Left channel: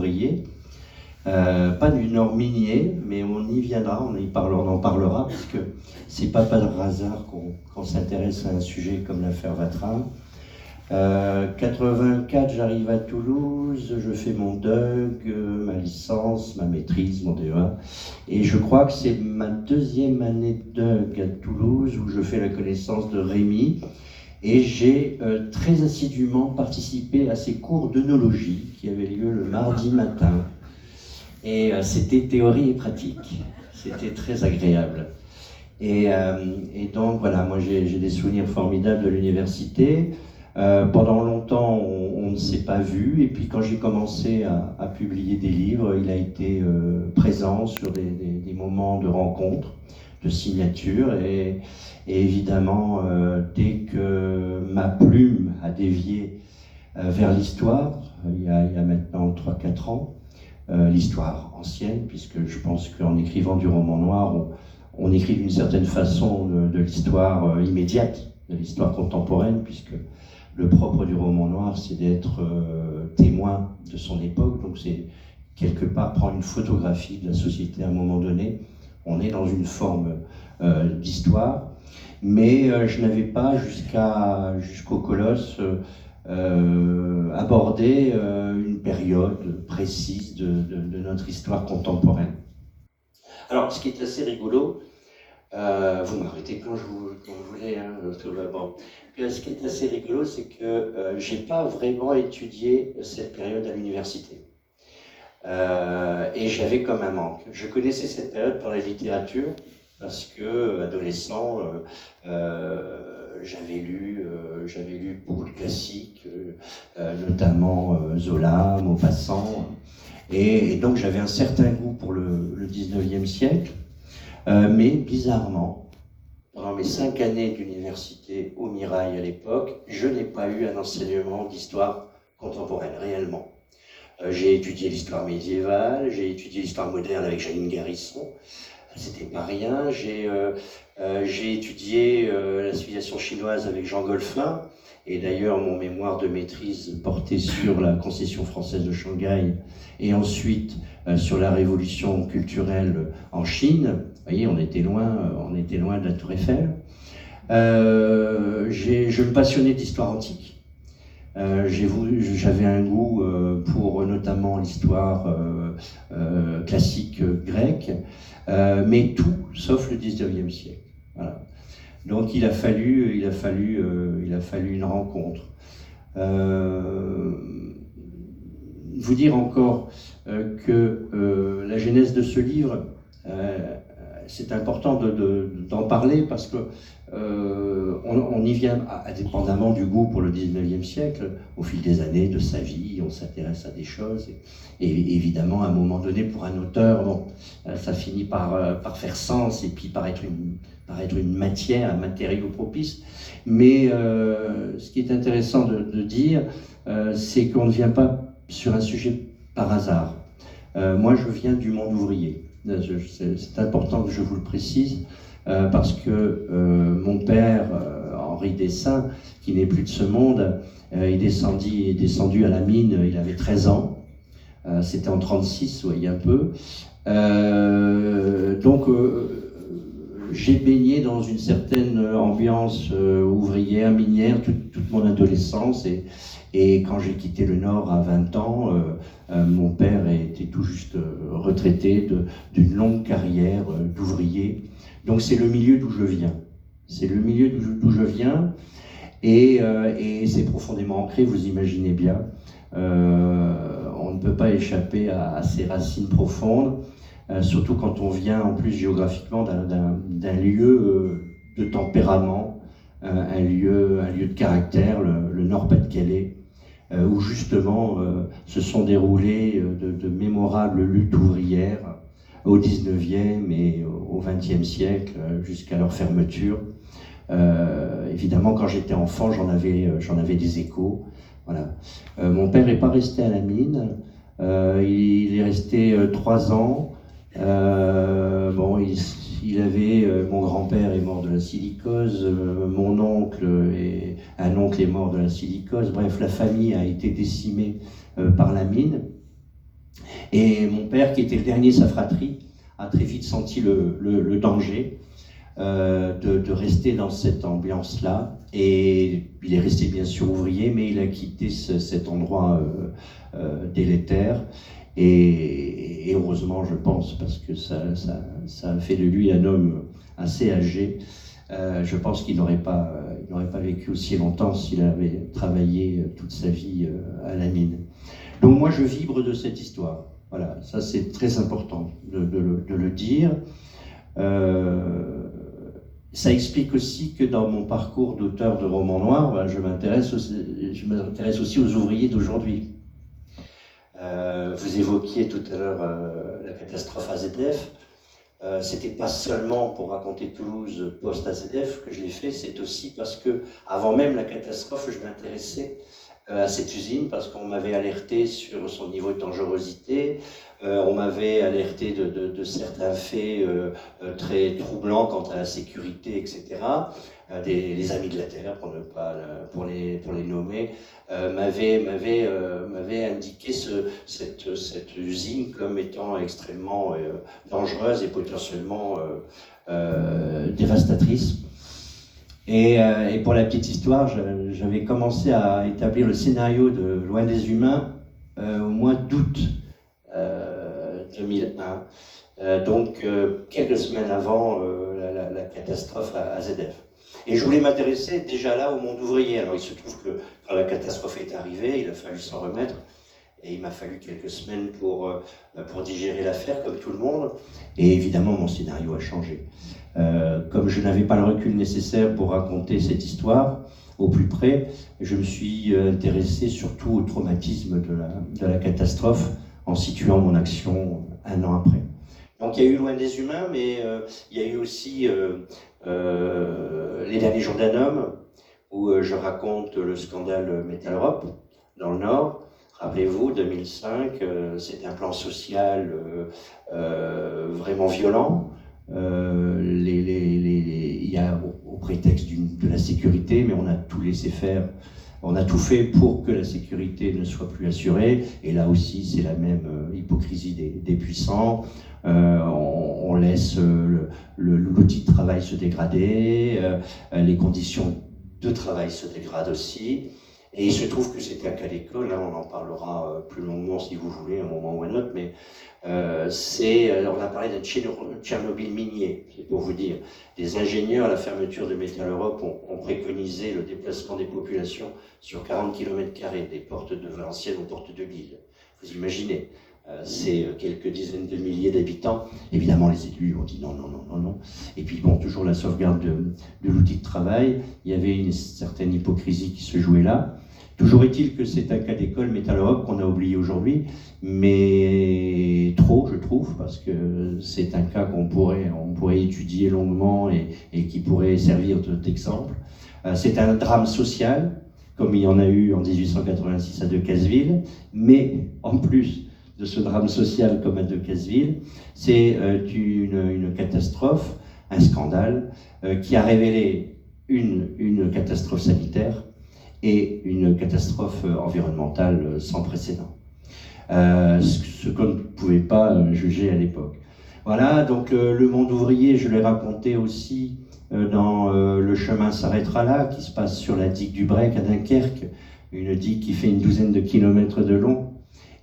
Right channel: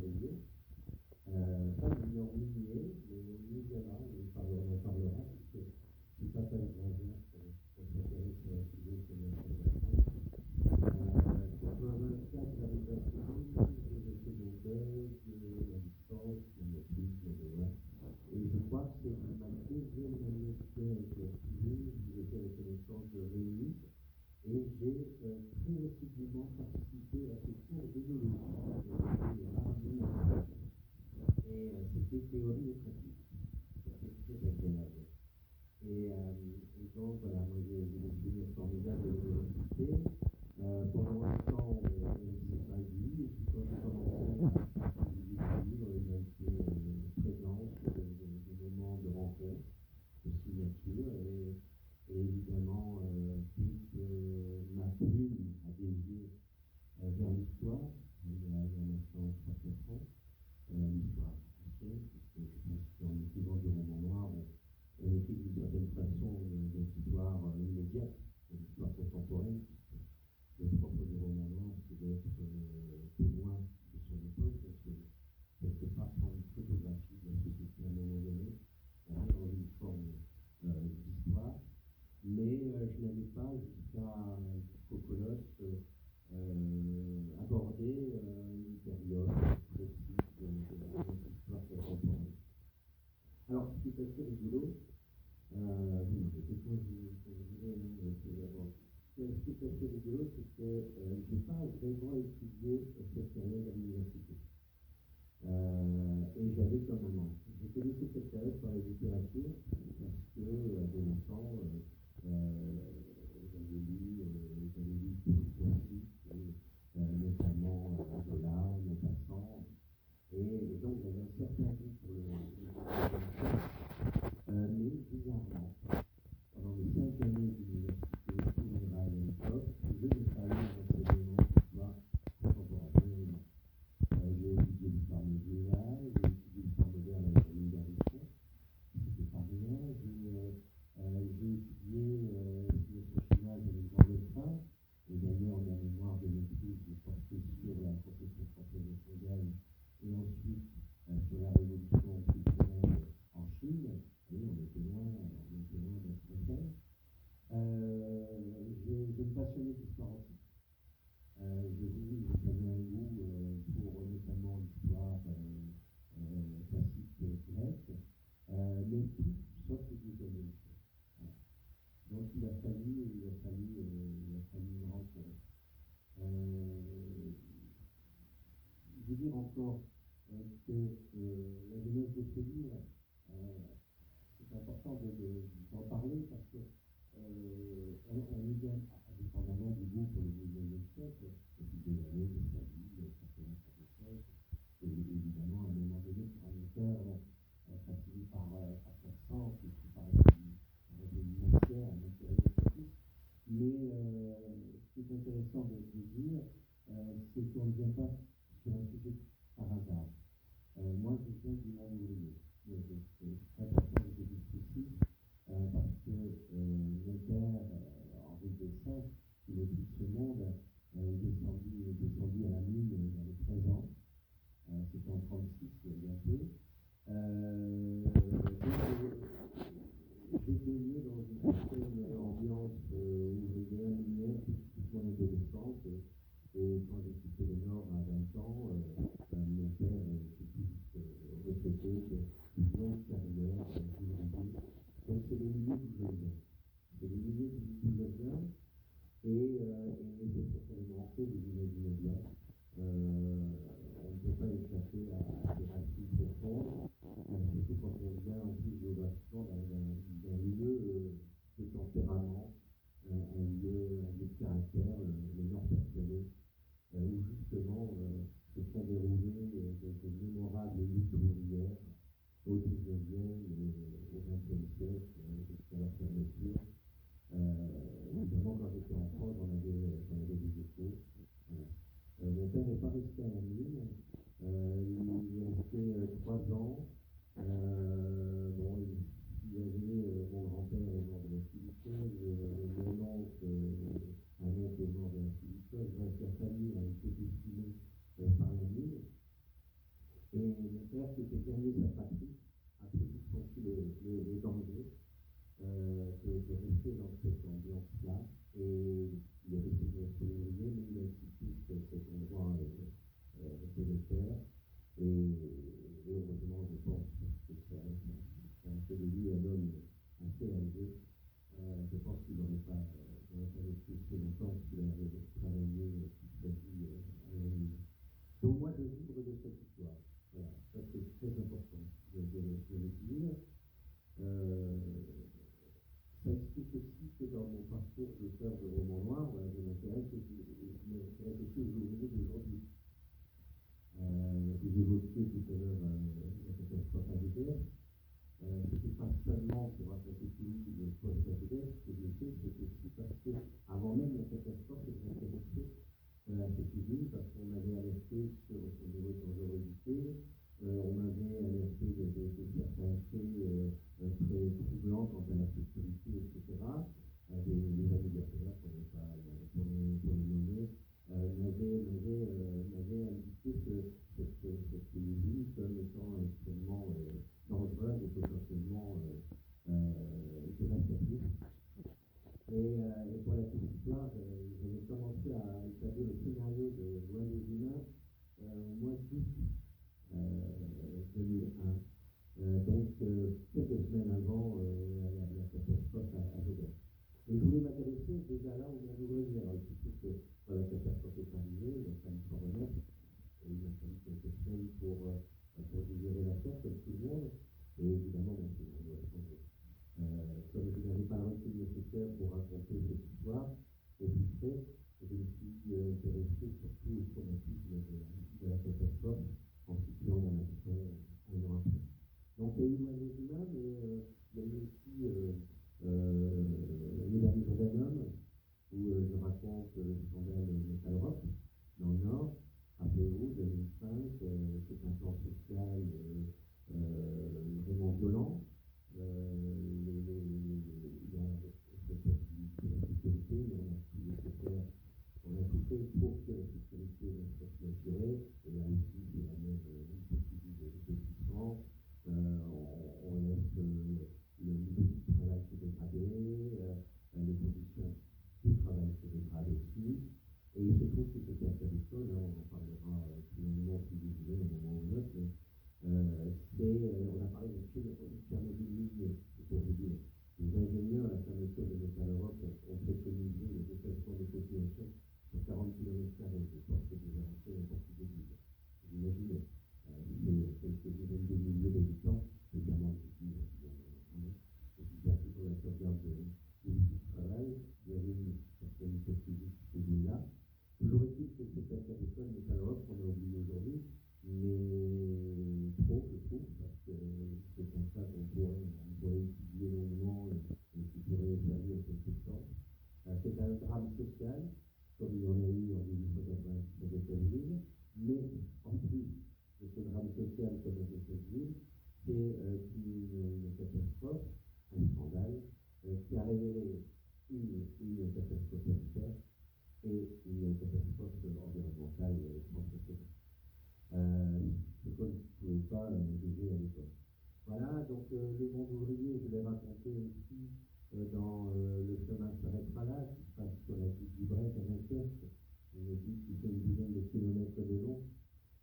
ouvrier, pas du Nord minier, mais on y viendra, on en parlera, parce que c'est pas par hasard qu'on s'intéresse à un sujet comme l'affaire Vatrin. 84, j'arrive à Toulouse, je fais mon DUG, ma licence, ma maîtrise, mon DEA, et je crois que c'est ma deuxième année de DUG à Toulouse où je fais la connaissance de Rémi, et j'ai très assidûment participé à ces cours d'œnologie qui avaient lieu le mardi matin, et c'était théorie et pratique, c'était très agréable. Et donc voilà, moi j'ai des souvenirs formidables de l'université. Pendant longtemps, on ne s'est pas vu, et puis quand j'ai commencé à publier des livres, il a été présent sur des moments de rencontre, de signature, et évidemment, dès que ma plume a dévié vers l'histoire, il y a maintenant 3-4 ans, l'histoire ancienne, puisque je pense qu'en écrivant du roman noir, on écrit d'une certaine façon de l'histoire immédiate, de l'histoire contemporaine, puisque le propre du roman noir, c'est d'être témoin de son époque, donc c'est quelque part prendre une photographie de la société à un moment donné. On est dans une forme d'histoire, mais je n'avais pas jusqu'au Colosse abordé une période précise de notre histoire contemporaine. Alors, ce qui est assez rigolo, vous m'arrêtez quand vous voulez, hein, tout va bon. Ce qui est assez rigolo, c'est que j'ai pas vraiment étudié cette période à l'université. Et j'avais comme un manque. Je connaissais cette période par la littérature, parce que, adolescent, j'avais lu beaucoup de classiques, notamment Zola, Maupassant, et donc j'avais un certain goût pour le 19e siècle, mais bizarrement, pendant mes 5 années d'université au Mirail à l'époque, je n'ai pas eu un enseignement d'histoire contemporaine, réellement. J'ai étudié l'histoire médiévale, j'ai étudié l'histoire moderne avec Janine Garrison, c'était pas rien. J'ai étudié la civilisation chinoise avec Jean Golfin, et d'ailleurs mon mémoire de maîtrise portait sur la concession française de Shanghai, et ensuite sur la révolution culturelle en Chine. Vous voyez, on était loin de la Tour Eiffel. Je me passionnais d'histoire antique. J'avais un goût pour notamment l'histoire classique grecque, mais tout sauf le 19e siècle. Voilà. Donc il a fallu une rencontre. Vous dire encore que la genèse de ce livre, c'est important d'en parler, parce que on y vient indépendamment du goût pour le 19e siècle. Au fil des années, de sa vie, on s'intéresse à des choses, et évidemment à un moment donné, pour un auteur, bon, ça finit par faire sens, et puis par être une matière, un matériau propice. Mais ce qui est intéressant de dire, c'est qu'on ne vient pas sur un sujet par hasard. Moi, je viens du monde ouvrier. C'est important que je vous le précise, parce que mon père, Henri Dessin, qui n'est plus de ce monde, est descendu à la mine, il avait 13 ans. C'était en 1936, vous voyez un peu. Donc, j'ai baigné dans une certaine ambiance ouvrière, minière, toute mon adolescence, et quand j'ai quitté le Nord à 20 ans, mon père était tout juste retraité d'une longue carrière d'ouvrier. Donc c'est le milieu d'où je viens. C'est le milieu d'où je viens, et c'est profondément ancré, vous imaginez bien. On ne peut pas échapper à ces racines profondes. Surtout quand on vient en plus géographiquement d'un lieu de tempérament, un lieu de caractère, le Nord-Pas-de-Calais, où justement se sont déroulées de mémorables luttes ouvrières au 19e et au 20e siècle, jusqu'à leur fermeture. Évidemment, quand j'étais enfant, j'en avais des échos. Voilà. Mon père n'est pas resté à la mine, il est resté 3 ans. Bon, mon grand-père est mort de la silicose, un oncle est mort de la silicose. Bref, la famille a été décimée par la mine. Et mon père, qui était le dernier de sa fratrie, a très vite senti le danger de rester dans cette ambiance-là. Et il est resté bien sûr ouvrier, mais il a quitté cet endroit délétère. Et heureusement, je pense, parce que ça a fait de lui un homme assez âgé. Je pense qu'il n'aurait pas vécu aussi longtemps s'il avait travaillé toute sa vie à la mine. Donc moi, je vibre de cette histoire. Voilà, ça c'est très important de le dire. Ça explique aussi que dans mon parcours d'auteur de romans noirs, ben, je m'intéresse aussi aux ouvriers d'aujourd'hui. Vous évoquiez tout à l'heure la catastrophe AZF. C'était pas seulement pour raconter Toulouse post-AZF que je l'ai fait, c'est aussi parce que, avant même la catastrophe, je m'intéressais à cette usine parce qu'on m'avait alerté sur son niveau de dangerosité, on m'avait alerté de certains faits très troublants quant à la sécurité, etc. Les Amis de la Terre, pour les nommer, m'avaient indiqué cette usine comme étant extrêmement dangereuse et potentiellement dévastatrice. Et pour la petite histoire, j'avais commencé à établir le scénario de Loin des Humains au mois d'août 2001, donc quelques semaines avant la catastrophe à AZF. Et je voulais m'intéresser déjà là au monde ouvrier. Alors il se trouve que quand la catastrophe est arrivée, il a fallu s'en remettre. Et il m'a fallu quelques semaines pour digérer l'affaire, comme tout le monde. Et évidemment, mon scénario a changé. Comme je n'avais pas le recul nécessaire pour raconter cette histoire au plus près, je me suis intéressé surtout au traumatisme de la catastrophe en situant mon action un an après. Donc il y a eu Loin des Humains, mais il y a eu aussi Les Derniers Jours d'un Homme, où je raconte le scandale Metal Europe dans le Nord. Rappelez-vous, 2005, c'était un plan social vraiment violent. Il y a au prétexte de la sécurité, mais on a tout laissé faire. On a tout fait pour que la sécurité ne soit plus assurée. Et là aussi, c'est la même hypocrisie des puissants. On laisse l'outil de travail se dégrader, les conditions de travail se dégradent aussi. Et il se trouve que c'était un cas d'école, hein, on en parlera plus longuement si vous voulez, à un moment ou à un autre, mais on a parlé d'un Tchernobyl minier, c'est pour vous dire. Les ingénieurs à la fermeture de Metal Europe ont préconisé le déplacement des populations sur 40 km², des portes de Valenciennes aux portes de Lille. Vous imaginez, c'est quelques dizaines de milliers d'habitants. Évidemment, les élus ont dit non, non, non, non, non. Et puis bon, toujours la sauvegarde de l'outil de travail. Il y avait une certaine hypocrisie qui se jouait là. Toujours est-il que c'est un cas d'école Metal Europe qu'on a oublié aujourd'hui, mais trop, je trouve, parce que c'est un cas on pourrait étudier longuement et qui pourrait servir d'exemple. C'est un drame social, comme il y en a eu en 1886 à Decazeville, mais en plus de ce drame social comme à Decazeville, c'est une catastrophe, un scandale, qui a révélé une catastrophe sanitaire et une catastrophe environnementale sans précédent. Ce qu'on ne pouvait pas juger à l'époque. Voilà, donc le monde ouvrier, je l'ai raconté aussi dans Le chemin s'arrêtera là, qui se passe sur la digue du Brec à Dunkerque, une digue qui fait une douzaine de kilomètres de long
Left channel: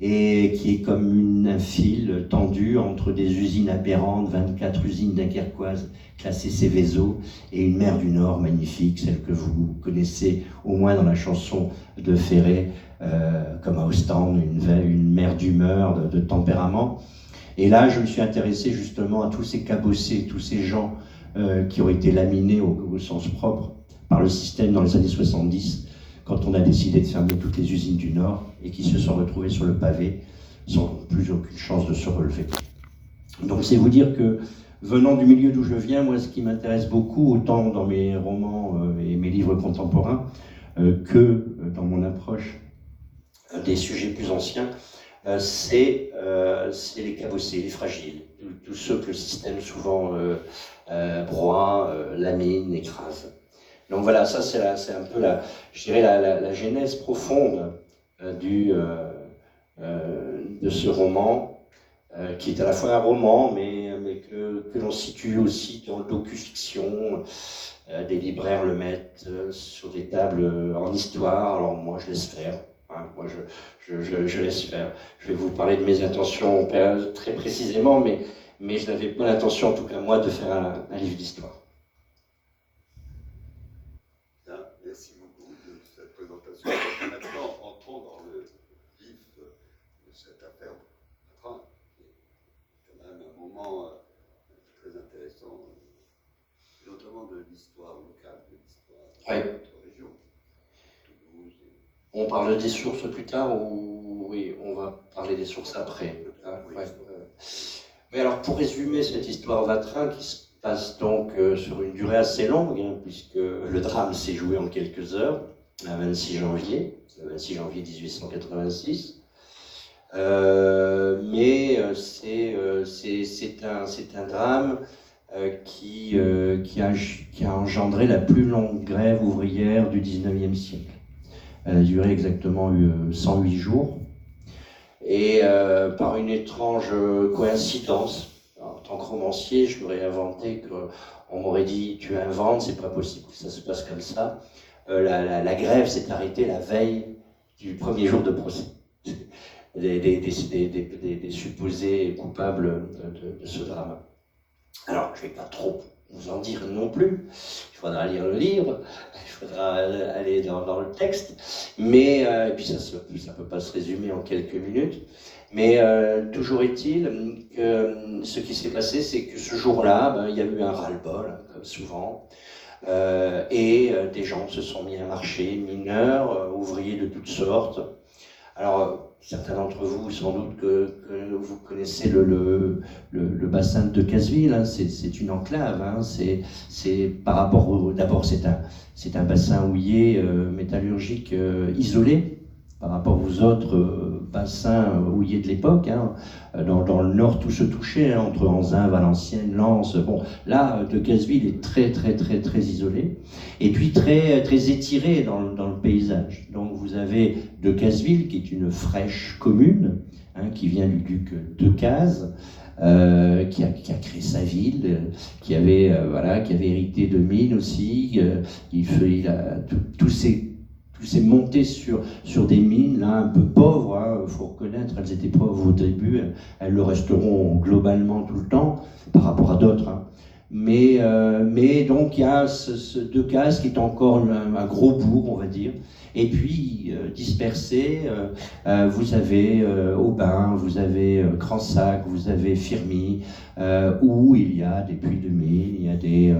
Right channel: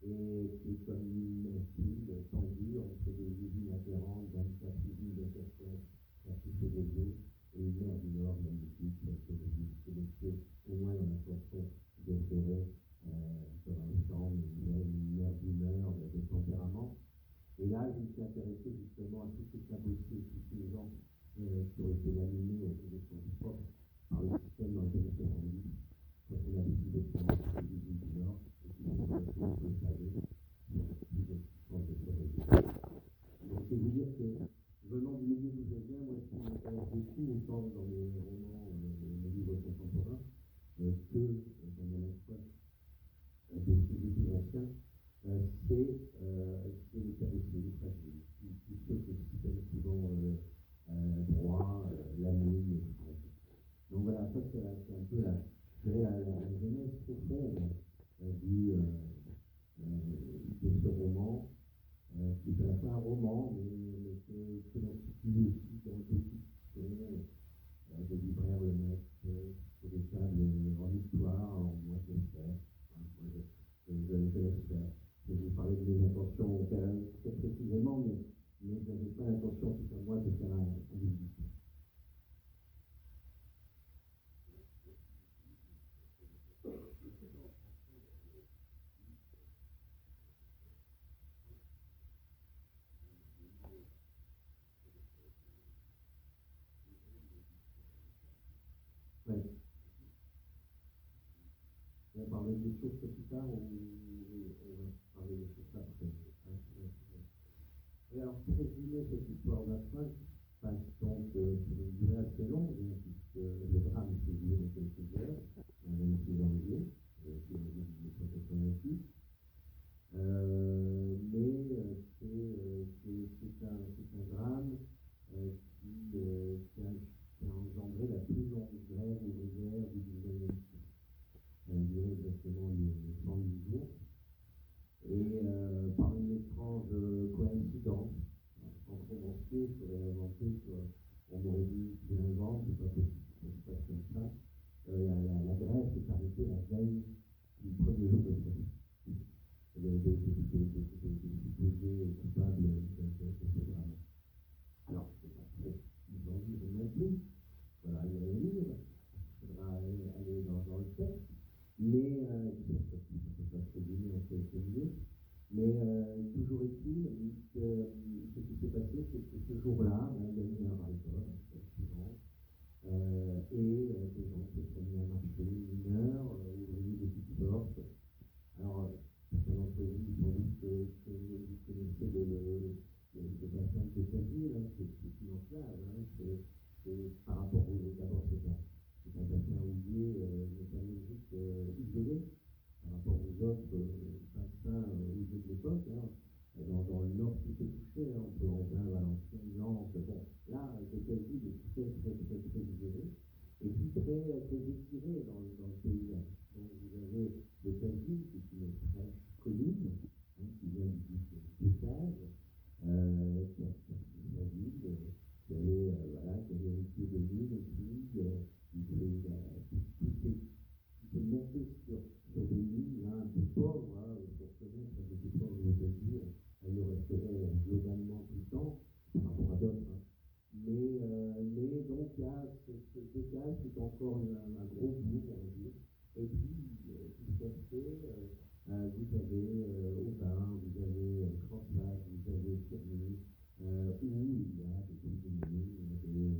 et qui est comme un fil tendu entre des usines aberrantes, 24 usines dunkerquoises classées Céveso, et une mer du Nord magnifique, celle que vous connaissez au moins dans la chanson de Ferré, comme à Ostende, une mer d'humeur, de tempérament. Et là, je me suis intéressé justement à tous ces cabossés, tous ces gens qui ont été laminés au sens propre par le système dans les années 70, quand on a décidé de fermer toutes les usines du Nord et qui se sont retrouvés sur le pavé sans plus aucune chance de se relever. Donc c'est vous dire que, venant du milieu d'où je viens, moi ce qui m'intéresse beaucoup, autant dans mes romans et mes livres contemporains, que dans mon approche des sujets plus anciens, c'est les cabossés, les fragiles, tous ceux que le système souvent broie, lamine, écrase. Donc voilà, ça c'est un peu la genèse profonde de ce roman, qui est à la fois un roman, mais que l'on situe aussi dans le docu-fiction. Des libraires le mettent sur des tables en histoire, alors moi je laisse faire. Hein, moi je laisse faire. Je vais vous parler de mes intentions très précisément, mais je n'avais pas l'intention, en tout cas moi, de faire un livre d'histoire. Merci beaucoup de cette présentation. Maintenant, entrons dans le vif de cette affaire Vatrin, qui est quand même un moment très intéressant, notamment de l'histoire locale, de l'histoire de notre région, Toulouse. On parle des sources plus tard ou oui, on va parler des sources après. Hein, ouais. Mais alors, pour résumer cette histoire Vatrin, qui se passe donc sur une durée assez longue, hein, puisque le drame s'est joué en quelques heures, le 26 janvier 1886. Mais c'est un drame qui a engendré la plus longue grève ouvrière du 19e siècle. Elle a duré exactement 108 jours. Et par une étrange coïncidence, en tant que romancier, je m'aurais inventé qu'on m'aurait dit « tu inventes, c'est pas possible que ça se passe comme ça ». La grève s'est arrêtée la veille du premier jour de procès des supposés coupables de ce drame. Alors, je ne vais pas trop vous en dire non plus, il faudra lire le livre, il faudra aller dans le texte, mais et puis ça ne peut pas se résumer en quelques minutes, mais toujours est-il que ce qui s'est passé, c'est que ce jour-là, il y a eu un ras-le-bol, comme souvent, et des gens se sont mis à marcher, mineurs, ouvriers de toutes sortes. Alors, certains d'entre vous, sans doute que vous connaissez le bassin de Decazeville, hein, c'est une enclave, hein, c'est par rapport d'abord c'est un bassin houiller métallurgique isolé par rapport aux autres bassins houillers de l'époque. Hein. Dans le nord, tout se touchait, hein, entre Anzin, Valenciennes, Lens. Bon, là, Decazeville est très isolé, et puis très étiré dans le paysage. Donc vous avez Decazeville, qui est une fraîche commune, hein, qui vient du duc Decazes, qui a créé sa ville, qui avait hérité de mines aussi. Il a tous ces montées sur des mines là un peu pauvres, hein, faut reconnaître, elles étaient pauvres au début, elles le resteront globalement tout le temps par rapport à d'autres. Hein. Mais donc il y a ce Decazes qui est encore un gros bourg, on va dire. Et puis dispersé, vous avez Aubin, vous avez Cransac, vous avez Firmy, où il y a des puits de mines, il y a des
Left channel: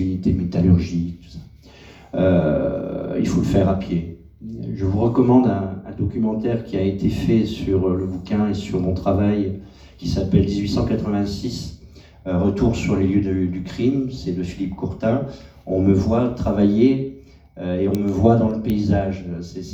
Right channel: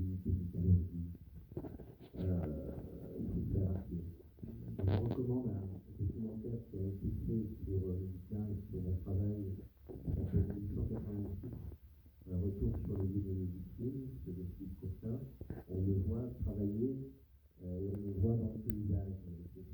unités métallurgiques, tout ça. Il faut le faire à pied. Je vous recommande un documentaire qui a été fait sur le bouquin et sur mon travail, qui s'appelle 1886, Retour sur les lieux du crime, c'est de Philippe Courtin. On me voit travailler et on me voit dans le paysage.